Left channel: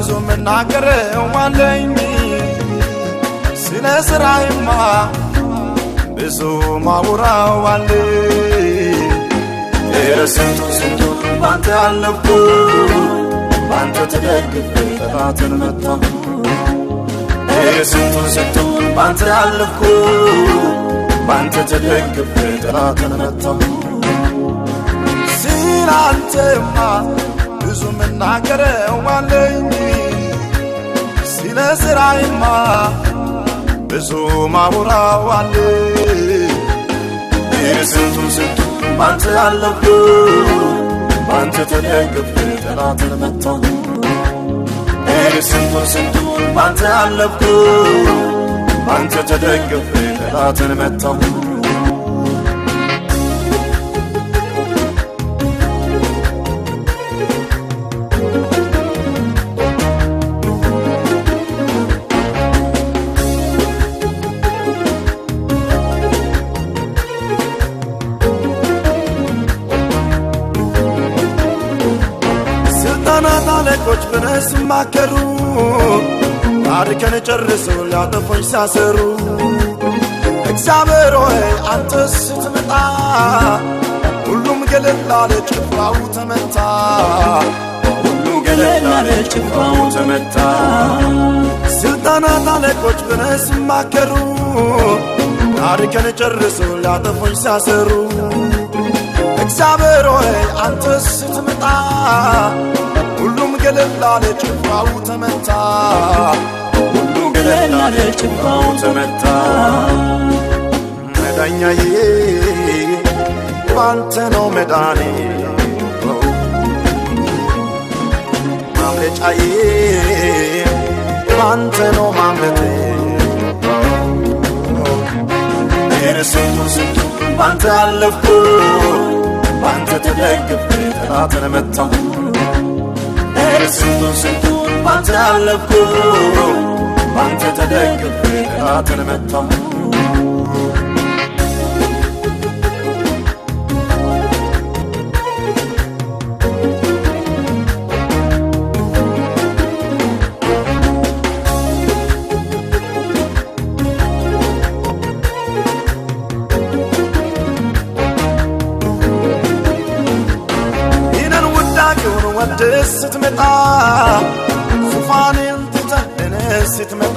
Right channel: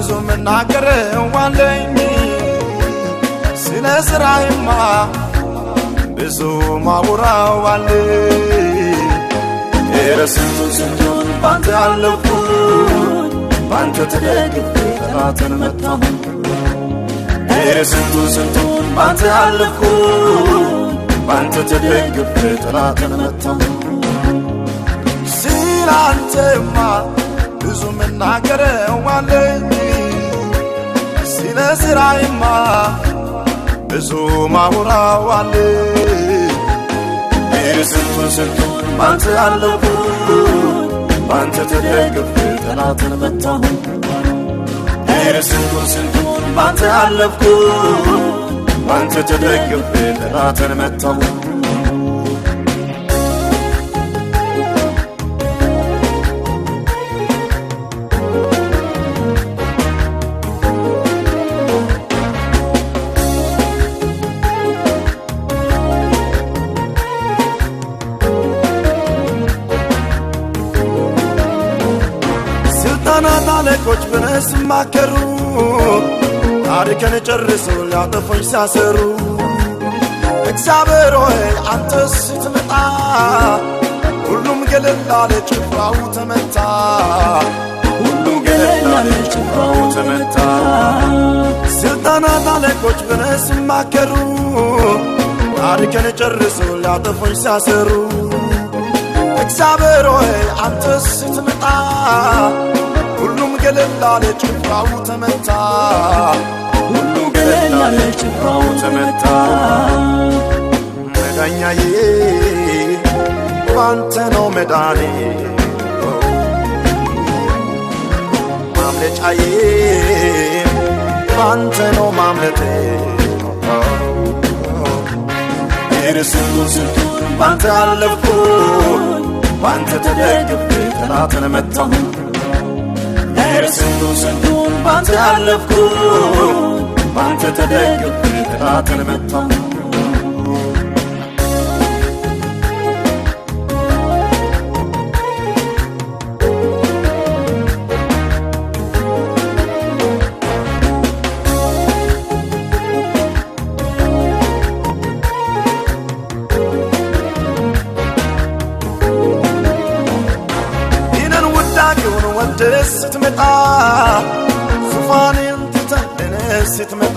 ብዙ መናገረው አለኝ ስለ ስራዬማ ብዙ ማውራው አለኝ ስንቱን ባንተ አለፍኩ ባንተ ተደግፌ ጠላትን መታሁ ስንቱን ባንተ አለፍኩ ባንተ ተደግፌ ጠላትን መታሁ ስላንተማ ብዙ መናገረው አለኝ ስለ ስራዬማ ብዙ ማውራው አለኝ ስንቱን ባንተ አለፍኩ ባንተ ተደግፌ ጠላትን መታሁ ስንቱን ባንተ አለፍኩ ባንተ ተደግፌ ጠላትን መታሁ ስልጣናት አለቆች በነስ ማከሩ ታሪክን ጨርሰው ሊያጠፉኝ ሲያሰሩ እግዚአብሔር ሆይ አንተ ስትመጣ ሁሉም ገለል አለ ጭፍራው ተመታ ሁሉም ገለል አለ ጭፍራው ተመታ ስልጣናት አለቆች በነስ ማከሩ ታሪክን ጨርሰው ሊያጠፉኝ ሲያሰሩ እግዚአብሔር ሆይ አንተ ስትመጣ ሁሉም ገለል አለ ጭፍራው ተመታ ሁሉም ገለል አለ ጭፍራው ተመታ መዳኛዬ ባንተ ነው መዳኔ ማምለጫዬ ባንተ ነው ማምለጤ ስንቱን ባንተ አለፍኩ ባንተ ተደግፌ ጠላትን መታሁ ስንቱን ባንተ አለፍኩ ባንተ ተደግፌ ጠላትን መታሁ ዳጊውን ወደስ ስትመጣ ዙፋኔን ትተህ ለኔ ስትመጣ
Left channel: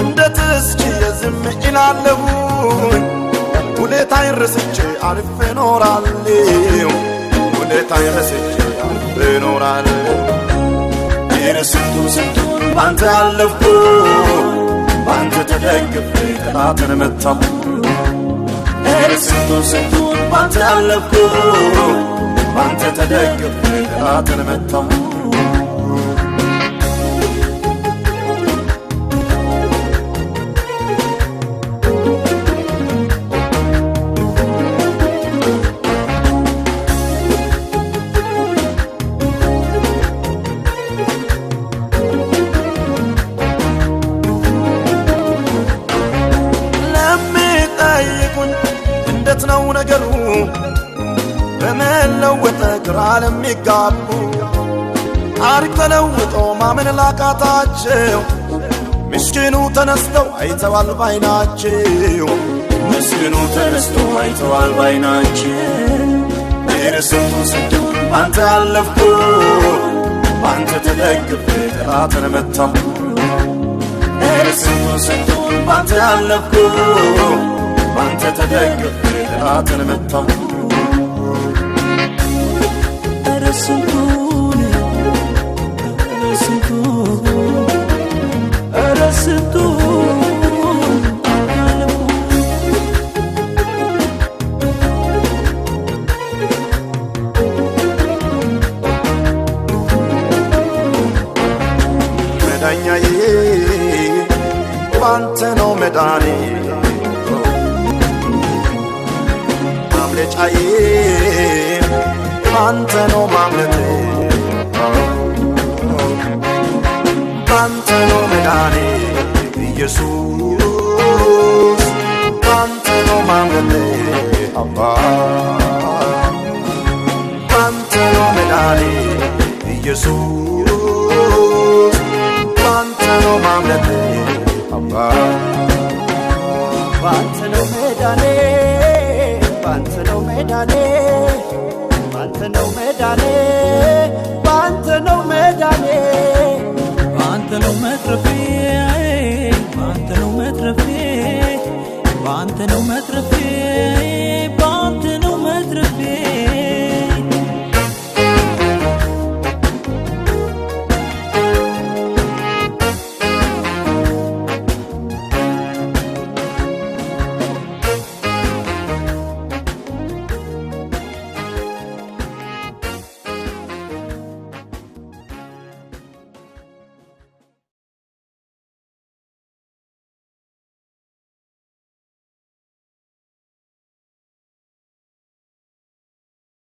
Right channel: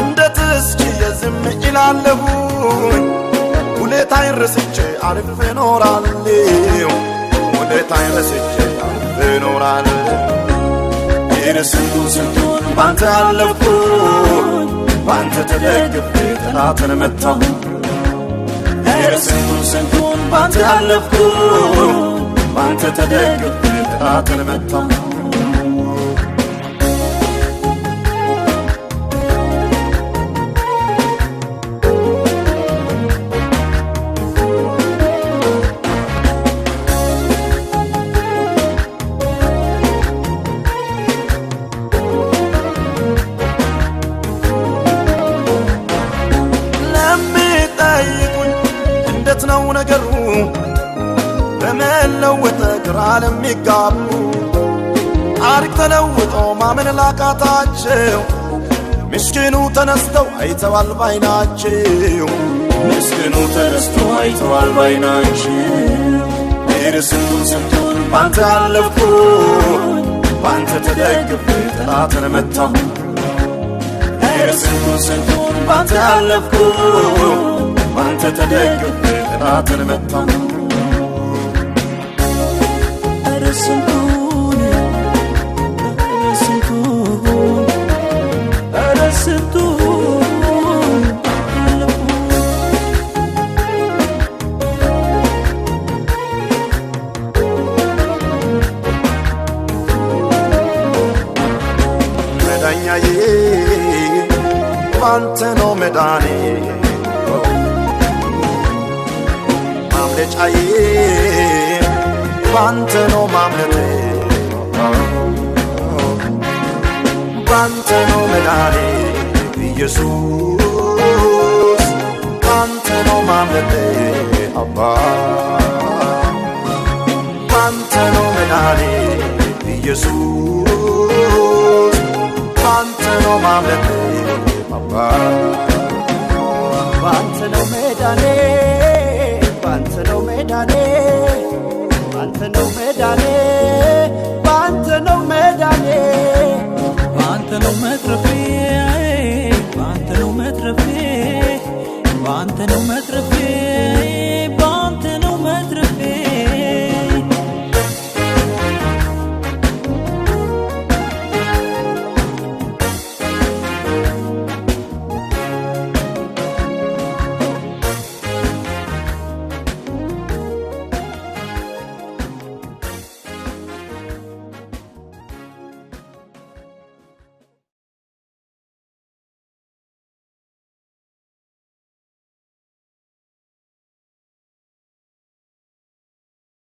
እንደ ትስኪ የዝም ኢላለሁኝ ውለታዬን ረስቼ አልፌ ኖራለሁ ውለታዬን ረስቼ አልፌ ኖራለሁ ስንቱን ባንተ አለፍኩ ባንተ ተደግፌ ጠላትን መታሁ ስንቱን ባንተ አለፍኩ ባንተ ተደግፌ ጠላትን መታሁ ለሚጠይቁኝ እንዴት ነው ነገሩ በመለወጥ ግራ ለሚጋቡ ታሪክ ተለውጦ ማመን ላቃታቸው ምስኪኑ ተነስተው አይተዋል ባይናቸው ምስኪኑ ተነስተው አይተዋል ባይናቸው ስንቱን ባንተ አለፍኩ ባንተ ተደግፌ ጠላትን መታሁ ስንቱን ባንተ አለፍኩ ባንተ ተደግፌ ጠላትን መታሁ ስንቱን አለፉኝ መዳኛዬ ባንተ ነው መዳኔ ማምለጫዬ ባንተ ነው ማምለጤ ባንተ ነው መዳኔ ኢየሱስ ባንተ ነው ማምለጤ አባ ባንተ ነው መዳኔ ኢየሱስ ባንተ ነው ማምለጤ አባ ባንተ ነው መዳኔ ባንተ ነው መዳኔ ባንተ ነው መዳኔ ባንተ ነው መዳኔ ባንተ ነው መትረፌ ባንተ ነው መትረፌ ባንተ ነው መትረፌ